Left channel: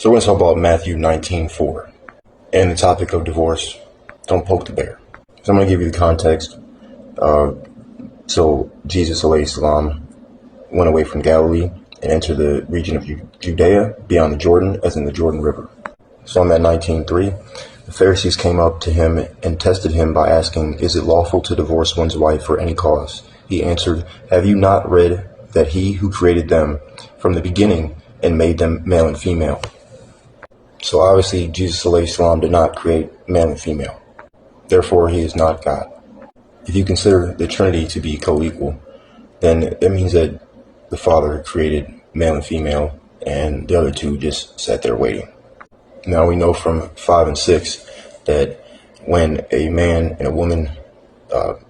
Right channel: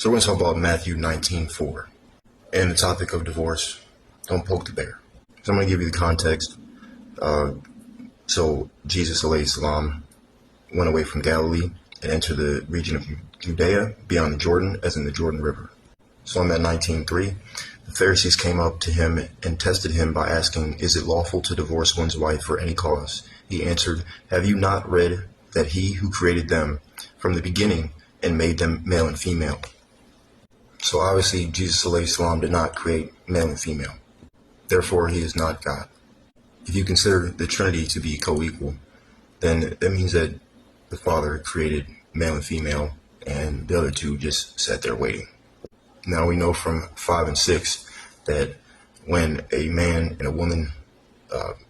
So we're going to talk about Matthew 19:4 and the topic of divorce. Don't poke the bear. So I'm going to give you the context. So Jesus alayhi salam went away from Galilee and entered the region of Judea beyond the Jordan, as in the Jordan River. So on that 19:3, the Pharisees came up to him and tested him by asking, "Is it lawful to divorce one's wife for any cause?" He answered, "Have you not read that he who created them from the beginning and made them male and female?" So obviously Jesus alayhi salam did not create male and female. Therefore, he is not God. If you consider the Trinity to be co-equal, then that means that the Father created male and female and the other two just sat there waiting. Now we know from 5 and 6 that when a man and a woman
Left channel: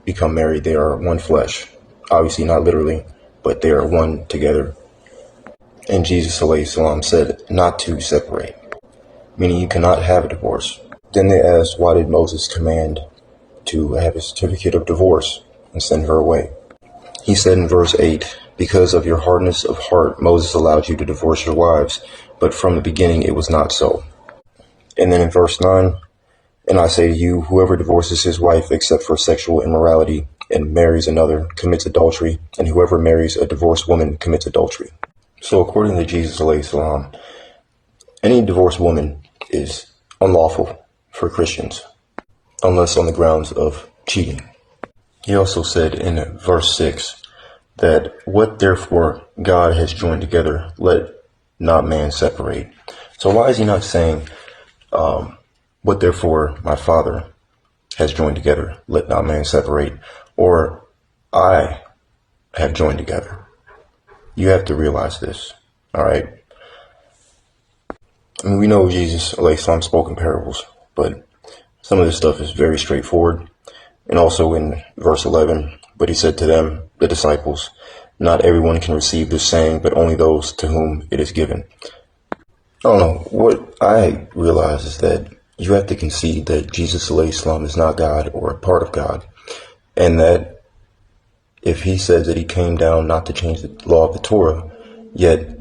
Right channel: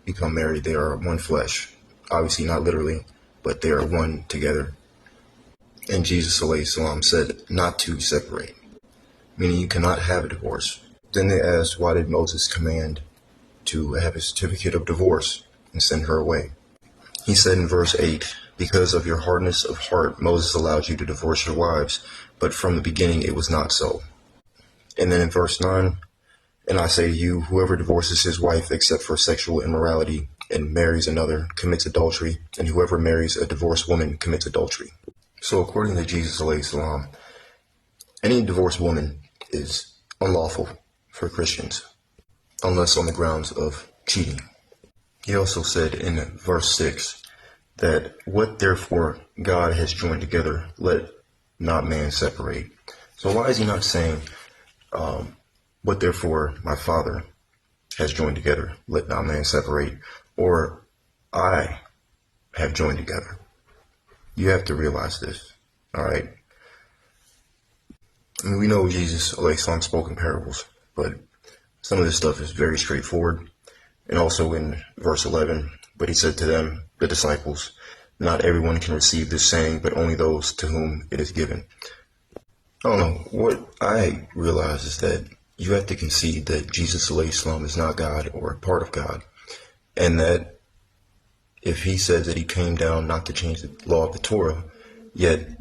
become married, they are one flesh. Obviously not literally, but they are one together. And Jesus alayhi salam said not to separate, meaning you cannot have a divorce. Then they asked, why did Moses command to have a certificate of divorce and send her away? He said in verse 8, "Because of your hardness of heart, Moses allowed you to divorce your wives, but from the beginning it was not so." And then in verse 9, "And I say to you, whoever divorces his wife except for sexual immorality and marries another commits adultery, and whoever marries a divorced woman commits adultery." So according to Jesus alayhi salam, any divorced woman is unlawful for Christians, unless on the grounds of cheating. He also said in verse 6 that what therefore God has joined together, let not man separate. So why is he not saying, what therefore my Father has joined together, let not man separate, or I have joined together? You have to realize this, all right? I mean, we know Jesus alayhi salam spoke in parables, but some of this stuff is very straightforward. And also in verse 11, "But he said to them, the disciples, not everyone can receive this saying, but only those to whom it is given." I don't know. What I realize is that you have to concede that Jesus alayhi salam is not God or a part of God. And that if he says that he came down not to change the law of the Torah, yet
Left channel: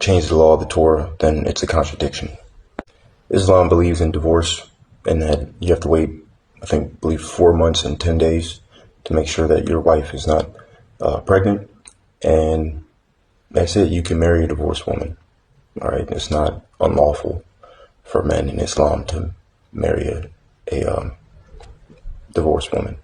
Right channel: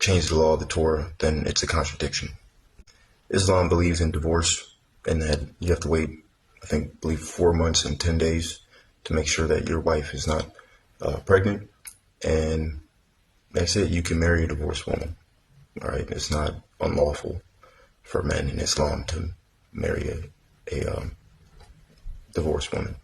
change the law of the Torah, then it's a contradiction. Islam believes in divorce and that you have to wait, believe 4 months and 10 days to make sure that your wife is not pregnant. And that's it. You can marry a divorced woman. All right. It's not unlawful for men in Islam to marry a divorced woman.